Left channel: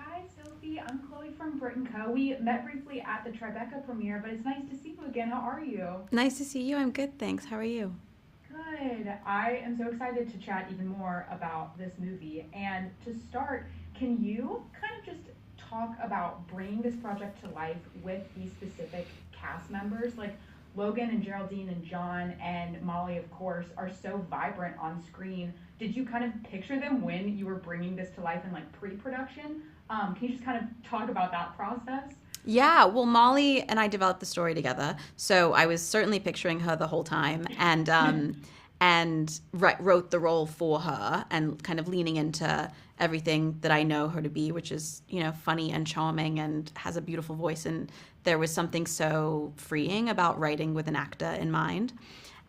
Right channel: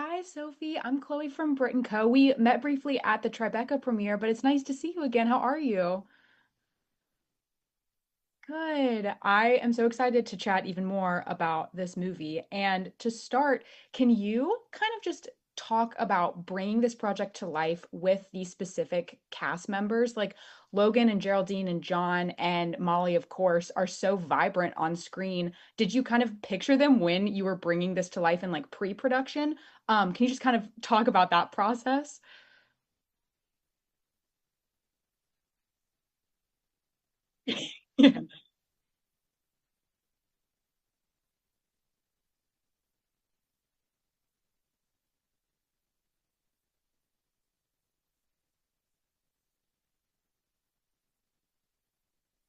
Hi, Sophie. I'm Chloe from Brit+Co. We met briefly at the Tribeca premiere, but it's nice to see you again. How are you? Nice to see you. I'm good, thanks. How are you? Good. I am so excited to chat even more about this movie. And to start, can you kind of just talk about bringing this project to life with these specific cast members? Like Logan and Geraldine and John and Molly, of course, are so vibrant on screen. Did you kind of picture them when you were bringing this to life in like pre-production? Can you just kind of talk about that process? Yeah, well, Molly and I developed the story together, so I was certainly picturing her the whole time, and wrote the role for her, and kind of leaning into everything that I know her to be, which is funny and charming and has a beautiful voice. And there was something so freeing about writing with an actor in mind.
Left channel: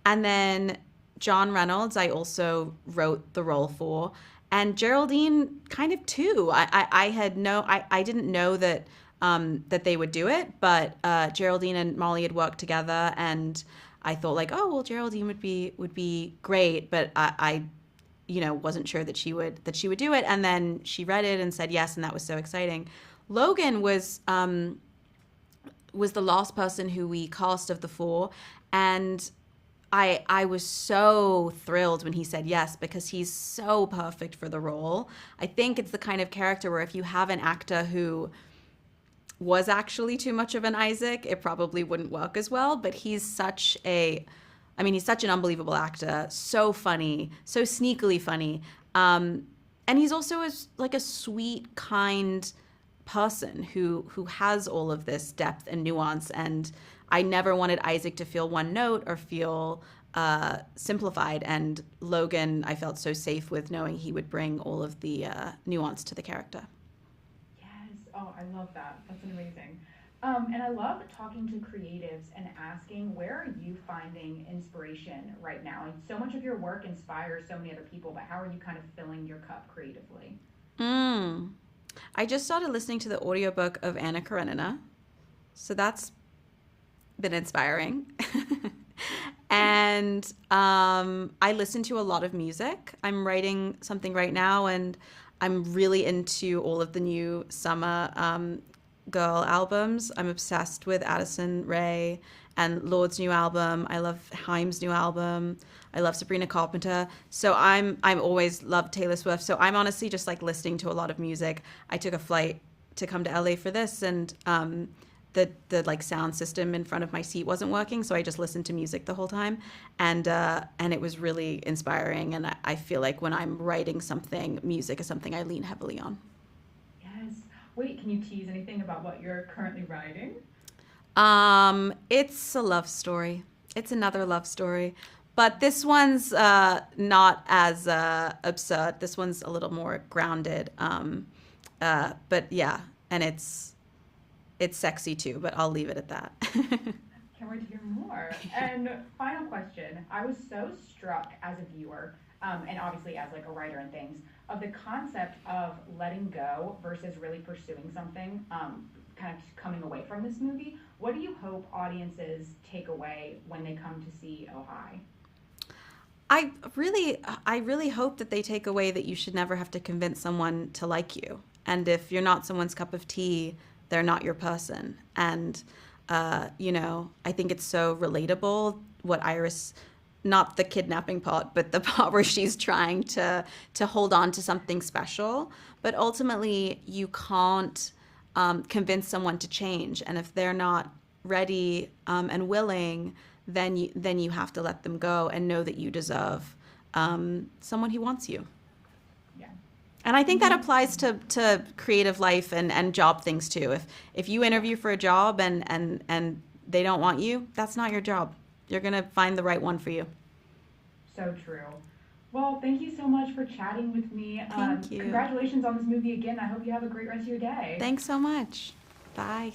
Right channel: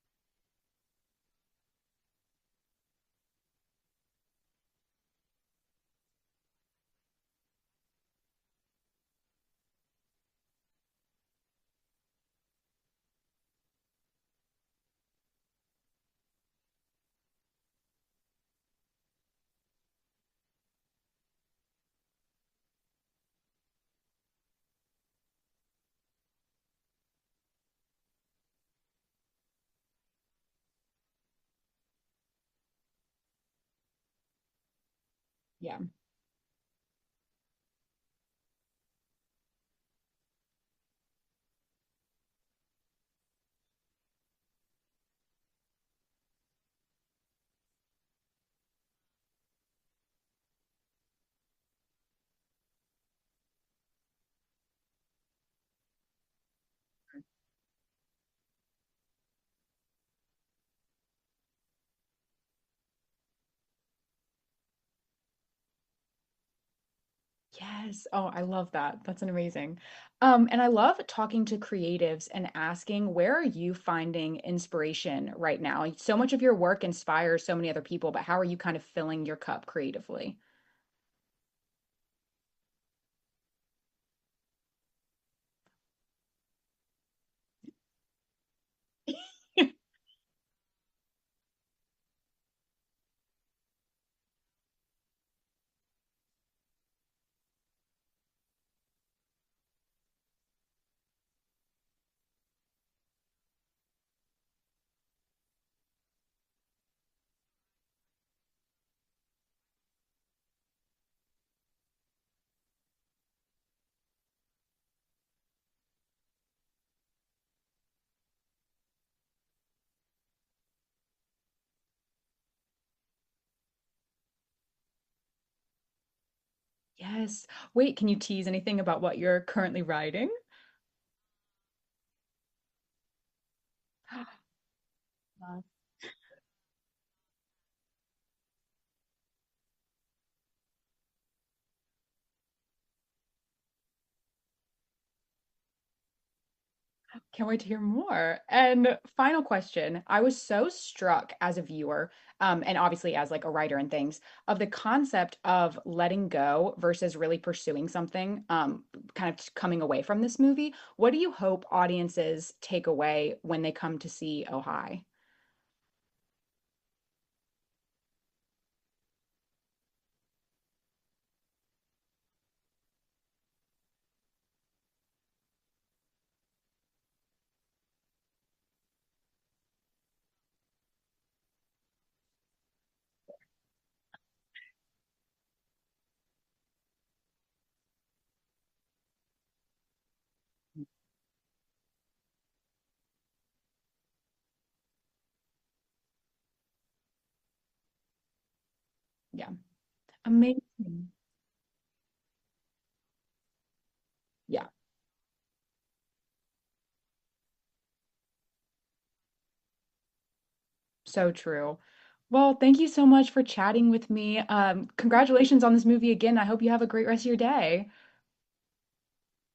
And then John Reynolds, I also wrote the role for, and Geraldine kind of too. I didn't know that they would do it, but Geraldine and Molly had worked together, and I thought like, oh well, Geraldine would be great, but I wasn't sure that she would do it, and then she read it and said yes, and that was so exciting. Logan was the last person who we cast of the four, and I was so thrilled when he said yes, because he's so perfect for the role. I Yeah. think it's the kind of character where if you have an actor who was actually too much of an Isaac, it probably wouldn't work as well. But he's such an unbelievable actor, so funny, so sneakily funny, and he's also like a sweet, kind person who has all of this depth and nuance. And I never wanted Isaac to feel one note or feel simplified. And Logan, I felt so safe with knowing he would bring all of the nuance to the character. Yes. Oh, I love that. That's an amazing. And I love talking to creatives and asking, where are you finding inspiration right now? Like, so much of your work inspires so many other people, but how are you kind of filling your cup creatively? Mm. I just started listening to the audiobook of Anna Karenina, so that's been inspiring. And I listen to a lot of music. I'm writing something right now, and I'm really into all of the new summer girl albums. I'm obsessed with Addison Rae and Lorde's new album. I love Haim's new album. I love Sabrina Carpenter. So I'm always loved Taylor Swift. So I'm honestly just like listening to a lot of music. I took a flight to come to LA for this, and the like sound system in front of my seat wasn't working, so I just listened to music the whole time, and it was really inspiring. And I feel like when I'm writing something, music is something I lean heavily on. Yes. Wait, can you tease anything about what you're currently writing? It's a love story. It's another love story, but this one's not as absurd. This one's a little more grounded. But yeah, and it's sexy too. But I'll leave it at that. Can't wait to hear more. And final question. I was so struck as a viewer, and obviously as like a writer and things, of the concept of letting go versus really pursuing something, kind of coming away from this movie. What do you hope audiences take away when they come to see Oh Hi? I really, I really hope that they take away that you should never have to convince someone to like you. And if you're not someone's cup of tea, they're not your person. And, I think it's so relatable what Iris, not the kidnapping part, but the part where she's trying to hold on to something special. But ultimately, you can't convince someone to change. And if they're not ready and willing, then you have to let them go and know that you deserve someone who wants you. Yeah. And I think that applies Amazing. to creative life and job things too. If you Yeah. interview for a job and they don't want you, that's not your job. You're gonna find the right one for you. So true. Well, thank you so much for chatting with me. Thank you. Congratulations on this movie again. I hope you have a great rest of your day. Thanks so much. Bye.